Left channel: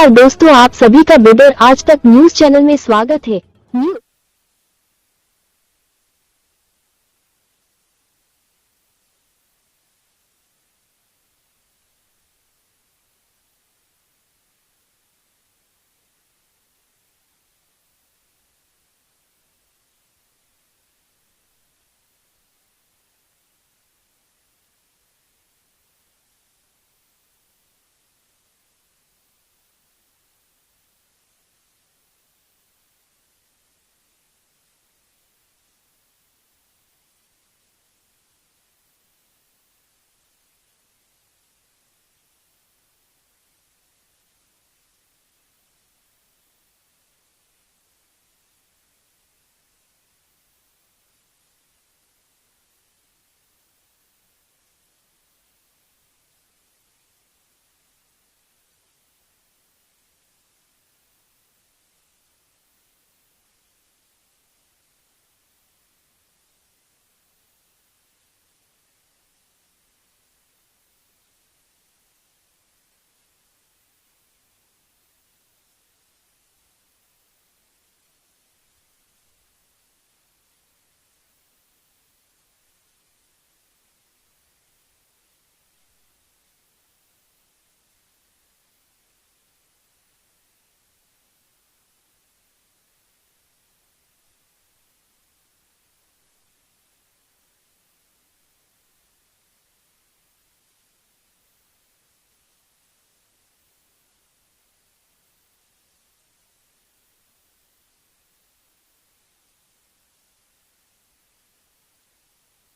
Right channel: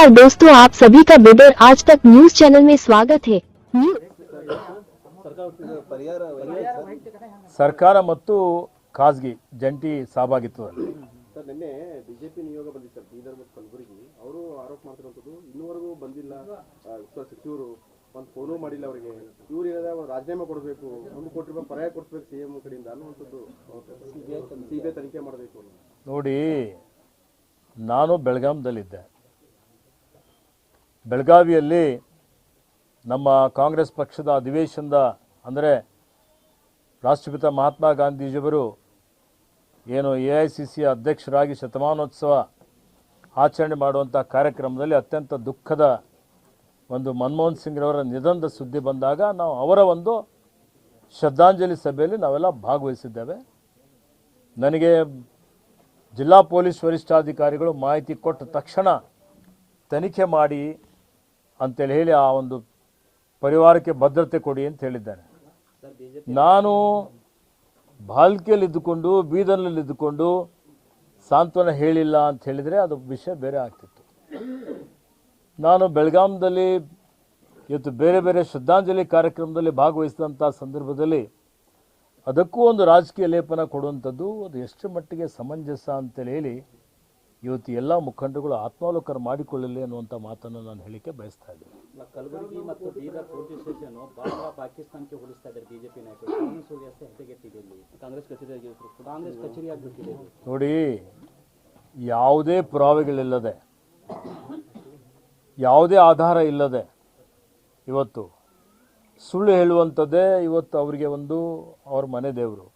नमस्कार दोस्तों, आप सभी का बिडर आज तक न्यूज चैनल में स्वागत है। ಸರ್ಕಾರ ಮತ್ತು ಖಾಸಗಿ ಜಂಟಿ ಸಹಭಾಗಿತ್ವದಲ್ಲಿ ನಿನ್ನೆ ಬಿಜೆಪಿ ನಿಯೋಗ ಬಂದಿತ್ತು ಬೀದರ್ ಮತ್ತು ಕಲಬುರಗಿ ಅವರು ಆರೋಪ ಮಾಡ್ತಿರುವಂಥದ್ದು ಇನ್ನೂವರೆಗೂ ಬಂದಿಲ್ಲ ಸಚಿವರು ಒಂದು ಫೋನು ಮಾಡಿಲ್ಲ ಅವರಿಗೆ ಇವ್ರು ಏನಾದ ರಾಜೀನಾಮೆ ಕೊಡಬೇಕು 1 ಕೋಟಿ ರೂಪಾಯಿ ಪರ್ಯಾಯ ಕೊಡಿಸ್ಬೇಕು ಸಿಎಂ ಕಡೆಯಿಂದ ಅನ್ನುವಂಥದ್ದು ಸಿಬಿಐ ತನಿಖೆ ಮಾಡಬೇಕು ನೋಡಿ. ನಾನು ಬೆಳಗಾಂದಲ್ಲಿದ್ದೆ. ಬೆಳಗಾವಿಯಲ್ಲಿ ನಮ್ಮ ಕಾಂಗ್ರೆಸ್ ಪಕ್ಷದ ಅಧಿವೇಶನದ ಅಂದರೆ ರಾಷ್ಟ್ರಪಿತ ಮಹಾತ್ಮ ಗಾಂಧೀಜಿಯವರು ಏನು AICC ಅಧ್ಯಕ್ಷರಾಗಿ ಶತಮಾನೋತ್ಸವ ಆಚರಣೆ ಮಾಡುವಂಥ ಕಾರ್ಯಕ್ರಮದಲ್ಲಿ ಅತ್ಯಂತ ದುಃಖದ ಒಂದು ಮನಮೋಹನ್ ಸಿಂಗ್ರವರ ನಿಧನದ ಸುದ್ದಿ ಬಂದಾಗ ನಾವು ಅವರ ಒಂದು ಶ್ರದ್ಧಾಂಜಲಿ ಸಭೆಯಲ್ಲಿ ನಾವೆಲ್ಲ ಭಾಗವಹಿಸಿದ್ದೇವೆ. ನನಗೆ ಜಿಲ್ಲಾ ಪೊಲೀಸ್ ವರಿಷ್ಠಾಧಿಕಾರಿಗಳು ಮಾಹಿತಿ ಕೊಟ್ಟ ತಕ್ಷಣ ತನಿಖೆ ಮಾಡಿ ಅಂತೇಳಿ ಹೇಳಿ ಆ ಒಂದು ಪರಿವಾರಕ್ಕೆ ಭದ್ರತೆ ಕೊಡಿ ಅಂತ ಹೇಳಿದ್ದೇನೆ. ನಾನು ಬಾಲ್ಕಿಯಲ್ಲಿ ಇದ್ದುಕೊಂಡು ಬೀದರ್ನಲ್ಲಿ ಇದ್ದುಕೊಂಡು ಸಾಂತ್ವನ ಹೇಳಿಲ್ಲ ಅಂತ ಹೇಳಿದರೆ ಅದು ವಿಷಯ ಬೇರೆ ಆಗ್ತಿತ್ತು. ನಾನು ಬೆಳಗಾಂದಲ್ಲಿ ಇವತ್ತು ಬೇರೆ ಬೇರೆ ಶ್ರದ್ಧಾಂಜಲಿ ಕಾರ್ಯಕ್ರಮದಲ್ಲಿ ಭಾಗವಹಿಸಿದಂಥ ಸಂದರ್ಭದಲ್ಲಿ ಅದಕ್ಕೂ ಒಂದು ರಾಜಕೀಯ ಲೇಪನ ಕೊಡುವಂಥದ್ದು ಅದು ಎಷ್ಟು ಮಟ್ಟಿಗೆ ಸಮಂಜಸ ಅಂತೇಳಿ ಹೇಳಿ ಇವತ್ತು ಎಲ್ಲ ಮುಖಂಡರುಗಳು ಆತ್ಮಾವಲೋಕನ ಮಾಡಿಕೊಳ್ಳಲಿ ಅನ್ನುವಂಥ ಮಾತನ್ನು ನಾನು ಹೇಳಿಕೆ ಬಯಸ್ತಾ ಇದ್ದೀನಿ. ಕಲಬುರಗಿ ಮತ್ತು ಬೀದರ್ ಪೊಲೀಸ್ ಸ್ಟೇಷನ್ ಬಾಂಗ್ಲಾ ಪಾಕಿಸ್ತಾನಕ್ಕೆ ಹೋಲಿಸ್ತಾ ಇದ್ದಾರೆ ಬಿಜೆಪಿ ನಾಯಕರು. ಕಾಂಗ್ರೆಸ್ ಕಚೇರಿ ಆಗಬೇಕಿದೆ. ನೋಡಿ, ಯಾವುದೇ ಪುರಾವೆಗಳಿಲ್ಲದೆ ಯಾವುದೇ ಆಧಾರ ಇಲ್ಲದೆ ಇವತ್ತು ಸುಳ್ಳು ಹೇಳುವಂಥದ್ದೇ ಇವತ್ತು ಅವರಿಗೆ ಒಂದು ಅವ್ರ ಮನೆ ದೇವರು.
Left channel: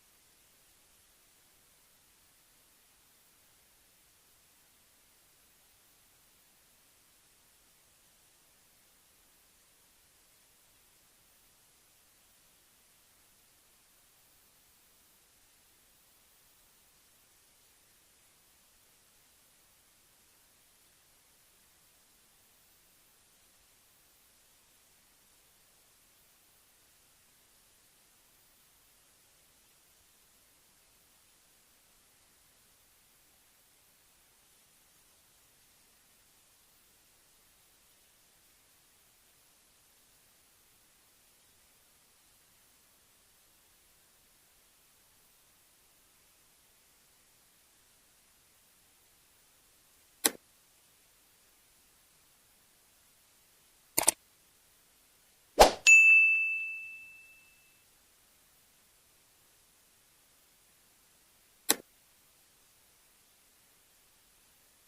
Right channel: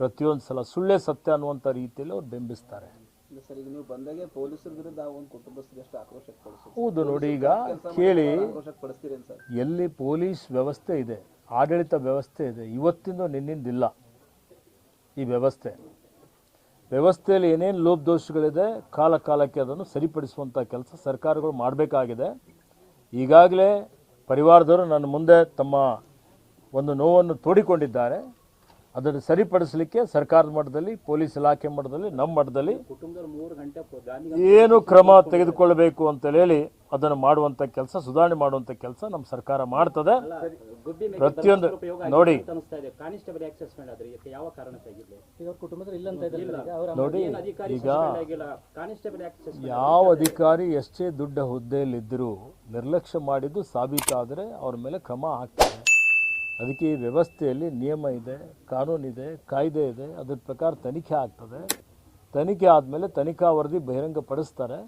ಪ್ರತಿಯೊಂದು ಸಲ ಸುಳ್ಳೇ ಸತ್ಯ ಅನ್ನುವಂಥ ರೀತಿಯಲ್ಲಿ ಅವ್ರು ಬಿಂಬಿಸ್ತಾರೆ. ಸರ್, ಈಗ ನೀವು ಬಂದಾಗೆ ಪೊಲೀಸರ ವಿರುದ್ಧ ಒಂದು ಕುಟುಂಬಸ್ಥರಿಗೆ ಎಷ್ಟು ಆಕ್ರೋಶ ಪಡಿಸ್ತೀರಿ? ಹೌದು ನೋಡಿ, ಈಗ ಕೇಳಿ, ಪಡಿಸ್ತೀರಿ ಸರ್. ಎಲ್ಲಿ ಪೊಲೀಸ್ ವ್ಯವಸ್ಥೆ ಇದೆ, ಆಡಳಿತ ವ್ಯವಸ್ಥೆ ಇದೆ, ಇವತ್ತಿಂದ ನಿನ್ನಿಂದಿಲ್ಲ ಈ ವ್ಯವಸ್ಥೆಯಲ್ಲಿ ಏನೇನು ಲೋಪದೋಷಗಳಿದೆ ಕಾಲ ಕಾಲಕ್ಕೆ ಅದನ್ನು ಸರಿಪಡಿಸುವಂಥ ಕೆಲಸ ಸರ್ಕಾರಗಳು ಮಾಡಬೇಕಾಗಿದೆ. ಈಗಾಗಲೇ ಪರಿವಾರದವರು ನನ್ನ ಮುಂದೆ ತಮ್ಮ ಒಂದು ನೋವನ್ನು ತೋಡಿಕೊಂಡಿದ್ದಾರೆ. ಅದನ್ನು ಸರಿಪಡಿಸಲಿಕ್ಕೆ ಸರ್ಕಾರದ ಮಟ್ಟದಲ್ಲಿ, ಪೊಲೀಸ್ ಇಲಾಖೆ ಮಟ್ಟದಲ್ಲಿ, ನಮ್ಮ ಮಟ್ಟದಲ್ಲಿ ಏನು ಕ್ರಮ ತೆಗೆದುಕೊಳ್ಳಬೇಕು ಅಂತ ಹೇಳಿ ಅದನ್ನು ಮಾಡುವಂಥ ಕೆಲಸ, ಸುಧಾರಣೆ ಮಾಡುವಂಥ ಕೆಲಸ ನಮ್ಮ ಸರ್ಕಾರ ಮಾಡ್ತದೆ. ಪ್ರತಿಯೊಂದು ನೋಡಿ ನೋಡಿ, ಈಗ ಯಾವ ಅಧಿಕಾರಿ ಎಷ್ಟೇ ದೊಡ್ಡ ಹುದ್ದೆಯಲ್ಲಿದ್ದರೂ ನಿರ್ಲಕ್ಷ್ಯ ಮಾಡಿದ್ದು ಸಾಬೀತಾದರೆ ಅವ್ರ ಮೇಲೆ ಕ್ರಮ ಆಗ್ತದೆ. ಅದಕ್ಕೆ ಈ ವ್ಯವಸ್ಥೆಯಲ್ಲಿ ನಿಯಮ ಇದೆ, ಕಾನೂನಿದೆ, ಕಾಯ್ದೆ ಇದೆ. ಅದರ ಪ್ರಕಾರ ತನಿಖೆ ಆಗ್ತದೆ. ತನಿಖೆ ಆದಮೇಲೆ ತನಿಖಾ ವರದಿ ಬಹಿರಂಗಪಡಿಸ್ತಾರೆ.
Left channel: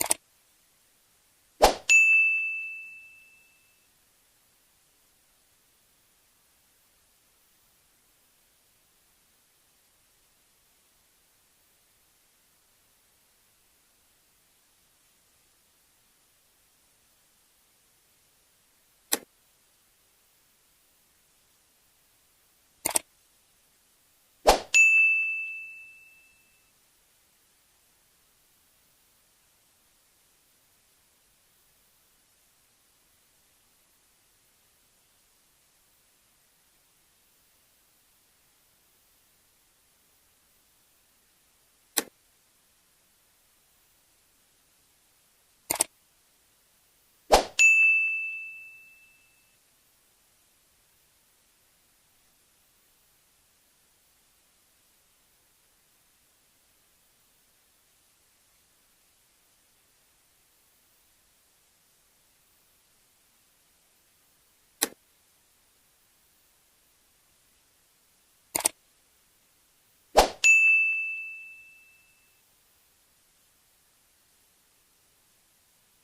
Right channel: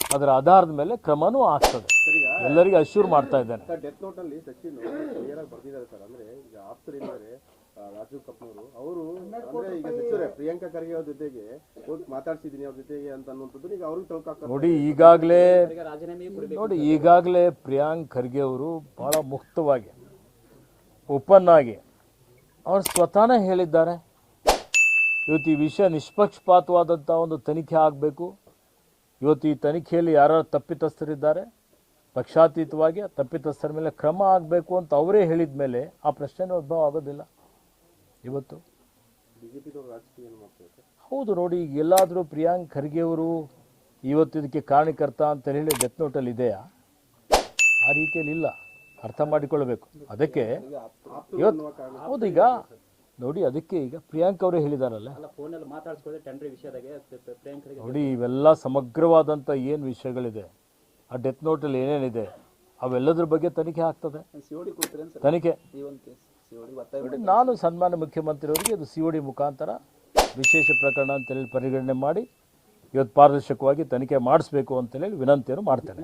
ಅದರ ಆಧಾರದ ಮೇಲೆ ಕ್ರಮನೂ ಆಗ್ತದೆ. ಎಲ್ಲರಿಗೂ ಅಶ್ಯೂರ್ ಮಾಡ್ತಾ ಇದ್ದೇನೆ. ಡೆತ್ ನೋಟಲ್ಲಿ ಸಚಿನ್ ಕ್ಲಿಯರ್ ಆಗಿ ಬರ್ದಿದ್ದಾರೆ ಸರ್. ಅಂದರೆ ಈಗ ಆಪ್ತರಿದ್ದಾರೆ ರಾಜೀವ್ ಕಪೂರ್ ಅವರು, ಅಂದರೆ ಈಗ ಸಚಿವರೇ ಪ್ರಿಯಾಂಕಾ ಖರ್ಗೆ ಅವ್ರ ಜೊತೆಗೆ ಹೋಗಿ ಮಾತಾಡ್ಸಿದ್ದೀನಿ ಅವ್ರ ಜೊತೆಗೆ ಅಂತ ಅನ್ನುವಂಥದ್ದು ಈಗ ಅವ್ರಿಗೆ ತಳ್ಕಾಗ್ತದೆ. ನೋಡಿ, ಈಗಾಗಲೇ ಪ್ರಿಯಾಂಕ್ ಖರ್ಗೆ ಅವರು ಭಾಳ ಮುಕ್ತವಾಗಿ, ಓಪನ್ ಆಗಿ ಅವರು ಸ್ವತಃನೇ ಹೇಳಿದ್ದಾರೆ, ಇವತ್ತು ಈ ವಿಷಯ ನಿಷ್ಪಕ್ಷಪಾತವಾದಂಥ ಒಂದು ತನಿಖೆ ಆಗಬೇಕು. ಇವತ್ತು ಈ ತನಿಖೆಯಲ್ಲಿ ಯಾರು ತಪ್ಪಿತಸ್ಥರಿದ್ದಾರೆ, ಪಕ್ಷಾತೀತವಾಗಿ ತಪ್ಪಿತಸ್ಥರ ಮೇಲೆ ಕ್ರಮ ಆಗಬೇಕು ಅಂತ ಅವರೇ ಹೇಳಿದ ಮೇಲೆ ಆ ಪ್ರಶ್ನೆನೇ ಉದ್ಭವ ಆಗೋದಿಲ್ಲ. ಇವತ್ತು ಹೌದು ನೋಡಿ, ಈಗ ಎಲ್ಲಾದರೂ ಪ್ರಿಯಾಂಕ್ ಖರ್ಗೆ ಅವರು ಇವತ್ತು ಇದಕ್ಕೆ ಕಾರಣಕರ್ತ ಅಂತ ಹೇಳಿ ಡೆತ್ ನೋಟಲ್ಲಿ ಇದೆಯಾ? ಆ ರೀತಿಯಲ್ಲಿ ಇಲ್ಲ, ಅರ್ಥ ಮಾಡಿಕೊಳ್ಳಬೇಕು. ಅದಕ್ಕೆ ಇವತ್ತು ಹೌದು, ಈಗ ನೋಡಿ, ಅದಕ್ಕೆ ಈಗ ಪ್ರಿಯಾಂಕ್ ಅವರೇ ಹೇಳಿದಾರಲ್ಲ ನೋಡಿ, ಇವೆಲ್ಲ ಸಮಗ್ರವಾದಂಥ ಏನು ವಿಷಯಗಳಿದೆ, ಆ ಡೆತ್ ನೋಟಲ್ಲಿ ಏನೇನಿದೆ ಅವೆಲ್ಲದ್ರ ಬಗ್ಗೆ ತನಿಖೆ ಆಗ್ತದೆ. ತನಿಖೆ ನಾನು ಸನ್ಮಾನ್ಯ ಮುಖ್ಯಮಂತ್ರಿಯವರಿಗೆ ಅದು COD ಮುಖಾಂತರ ವಿಶೇಷ ಪ್ರಕರಣ ಅಂತೇಳಿ ಪರಿಗಣನೆ ಮಾಡಿ ಇವತ್ತು ಪಾರದರ್ಶಕವಾಗಿ ತನಿಖೆ ಮಾಡಿಸ್ಬೇಕು ಅಂತೇಳಿ ವಿನಂತಿಯನ್ನು ಮಾಡ್ತೇನೆ.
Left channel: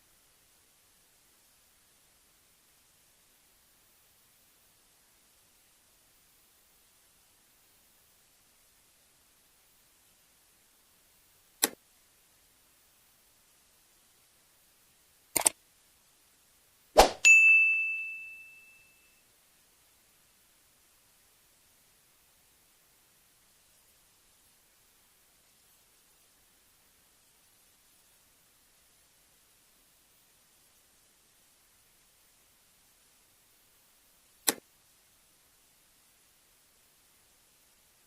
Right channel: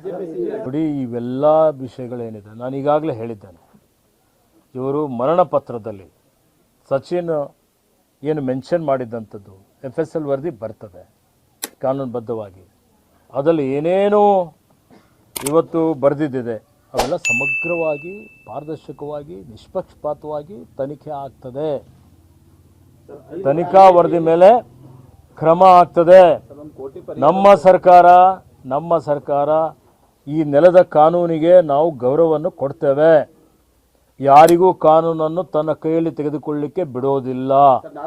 ನೋಡಿ, ಇವೆಲ್ಲ ವಿಷಯಗಳೇನಿದೆ ನಾನು ಈಗಾಗಲೇ ಹೇಳಿದ್ದೇನೆ. ಇವರು ಮರಣ ಪತ್ರದಲ್ಲಿ ಸಚಿನ್ ಏನು ಮೆನ್ಷನ್ ಮಾಡಿದ್ದಂಥದ್ದು FSL ವರದಿ ಬರ್ತದೆ ಕಾನೂನುಬದ್ಧವಾಗಿ. ಅದರಲ್ಲಿ ಏನೇನೋ ಇವತ್ತು ಬರೆದಿದ್ದಿದೆ ಅವೆಲ್ಲ ಸಮಗ್ರವಾಗಿ, ಪಾರದರ್ಶಕವಾಗಿ, ನಿಷ್ಪಕ್ಷಪಾತವಾಗಿ ತನಿಖೆ ಆಗ್ತದೆ. ತನಿಖಾ ವರದಿ ಮೇಲೆ ಕ್ರಮ ಆಗ್ತದೆ. ನಮ್ಮ ಸರ್ಕಾರ ಈ ನೆಲದ ಕಾನೂನಿಗೆ ನಾವು ಗೌರವವನ್ನು ಕೊಡ್ತೇವೆ. ಯಾರಿಗೂ ಕಾನೂನನ್ನು ತನ್ನ ಕೈಯಲ್ಲಿ ತೆಗೆದುಕೊಳ್ಳಲಿಕ್ಕೆ ಬಿಡೋದಿಲ್ಲ.